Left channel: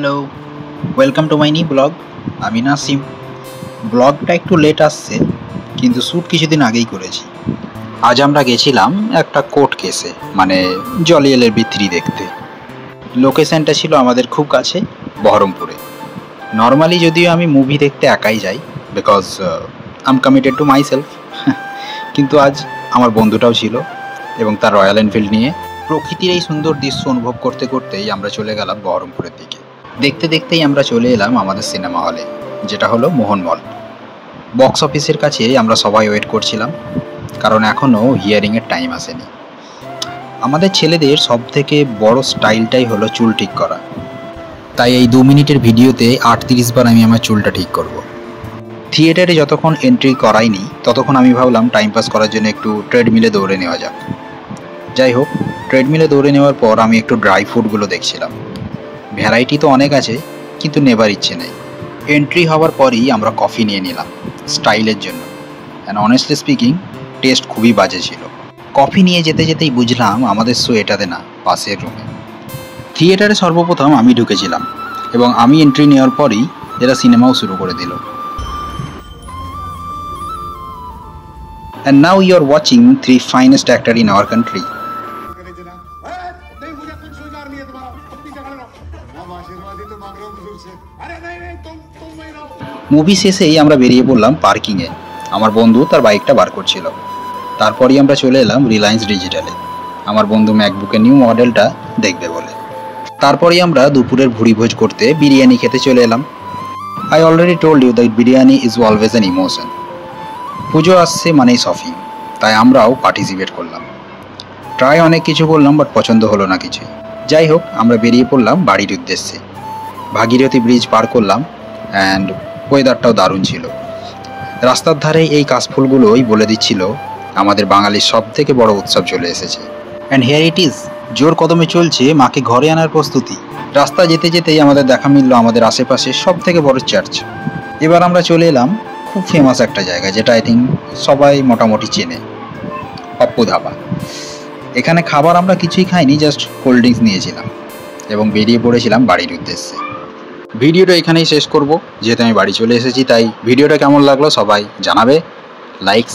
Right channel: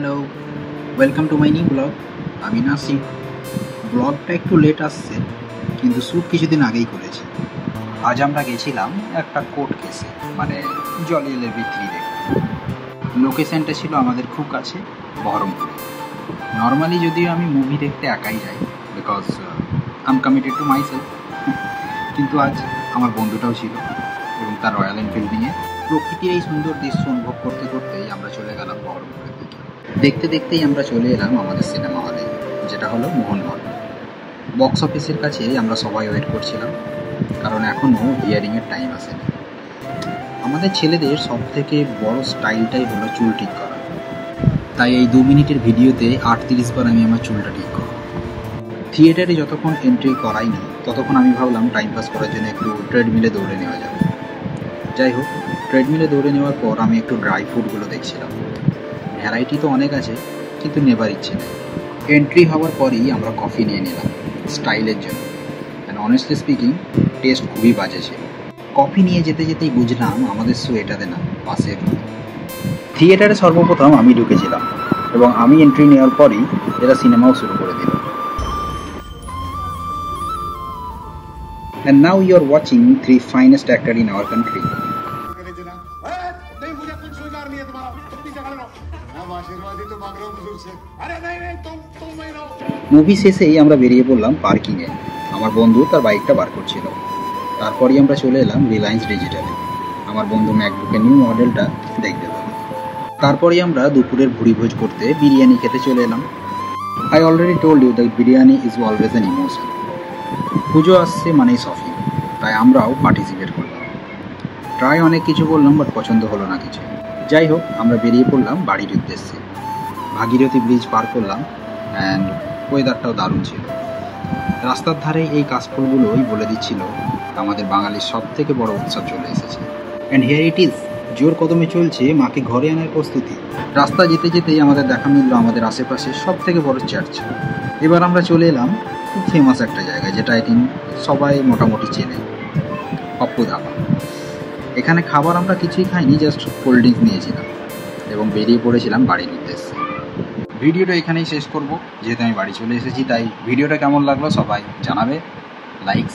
Hello, welcome to my new blog. আমি নাসিম। ব্লগটা একটু লেট আসছে, কিন্তু শ্যুট কিছুদিন আগেই করেছি। আজ আমরা গেছিলাম একটা কোর্ট কেসে, মানে জলিয়েলের থ্রি দেখতে। লোকেশনটা ছিল আমাদের খুব কাছে, বহরমপুরে। নর্মালি যদিও আমি মুভি দেখতে একাই যাই, because I am committed to my self. কিন্তু আজ আমার বন্ধুটাও ছিল এবং তার রয়্যাল এনফিল্ড নিয়ে প্রকৃতির এই সুন্দর দৃশ্য অনুভব করতে করতেই আমরা চলে গেলাম বহরমপুরের দিকে। দেখতে দেখতেই আমরা চলে এলাম আমাদের সিনেমা হলে, যেটা হলো মোহনমল। বক্স অফিসের কাছে আমরা সবাই ওয়েট করছিলাম, কারণ এখনও হিয়ারিংয়ের টাইম আসেনি। আমাদের ছেলেদের সব থেকে বড় স্টাইলটাই হলো চুল ঠিক করা, তাই এই 2 মিনিটের ভিডিওতে 38 বার আমি আমার চুলটা ঠিক করব। থিয়েটারে যতক্ষণ এন্ট্রি করাইনি ততক্ষণ আমি ভাবলাম টাইম পাস করার জন্য একটু ট্রেডমিলে দৌড়ে নেওয়া যাক। যাই হোক, ট্রেডমিলে দৌড়ে নেওয়ার পর আমি একটু ড্রাই ফ্রুটগুলো দেখছিলাম। ভ্যারাইটি তো অনেক আছে, কিন্তু নেবার ইচ্ছে নেই। এন্ট্রি হওয়ার পরই আমরা কফি নিয়ে নিলাম স্টাইলের জন্য, অ্যান্ড অনেস্টলি স্পিকিং টেস্ট খুবই বাজে ছিল। কফি নিয়ে যেতে যেতেই বুঝলাম আমাদের শো এটাতে না, পাশের রুমে। থিয়েটারে সর্বপ্রথম আমি ঢুকেছিলাম এবং আমি এন্ট্রি নেওয়ার পরই এরা সিনেমাও শুরু করে দিল। And now you are watching 3 finest actor in our country. Movie শেষেই আমরা বেরিয়ে পড়লাম পার্কিংয়ে। আমার বন্ধু তার বাইকটা বার করছিল। তারপরই আমরা চলে এলাম রিলায়েন্স ডিজিটালে, আমার বন্ধু ম্যাকবুকের নিউ মডেলটা দেখবে বলে। তারপরেই আমরা দুপুরের ভুড়িভোজ করতে বিরিয়ানি খেতে চলে এলাম। I already told you that biryani is always an emotion. Puja আসছে মানেই শপিং, তাই আমরাও পার্টিসিপেট করলাম। ট্রাই অনেক কিছু করলাম, বাট পছন্দ হলো না কিছুই। যাই হোক, আমরা বেরিয়ে পড়লাম বাড়ির উদ্দেশ্যে। ভাগীরথী ব্রিজ পার করলাম, অ্যান্ড ওয়েদারটাও দারুণ ছিল। রাস্তার ধারে এই কাশফুলগুলোই বলে দিচ্ছিল আমাদের বাঙালির সব থেকে বড় উৎসব চলে এসেছে। অ্যান্ড হিয়ার ইট ইজ, জোর কদমে চলছে মাকে ঘরে আনার প্রস্তুতি। রাস্তা যেতে যেতেই আমাদের দেখা মিলল আমাদের আশেপাশে সব থেকে বড় চার্চ। এবার আমরা চলে এলাম খুব ফেমাস একটা জায়গা, যেটা আই থিঙ্ক সবাই মোটামুটি চেনে, পাপ্পু ধাবা। এখানে খাবার আমরা কিছুই খাইনি, জাস্ট কোল্ড ড্রিঙ্কস নিয়েছিলাম এবং বেরিয়ে পড়েছিলাম বাড়ির উদ্দেশ্যে। ভিডিওটা এখানেই শেষ করব, যেহেতু আমি বাড়ি চলে এসেছি। তাই ভিডিওটা কেমন লাগলো সবাই জানাবে, লাইক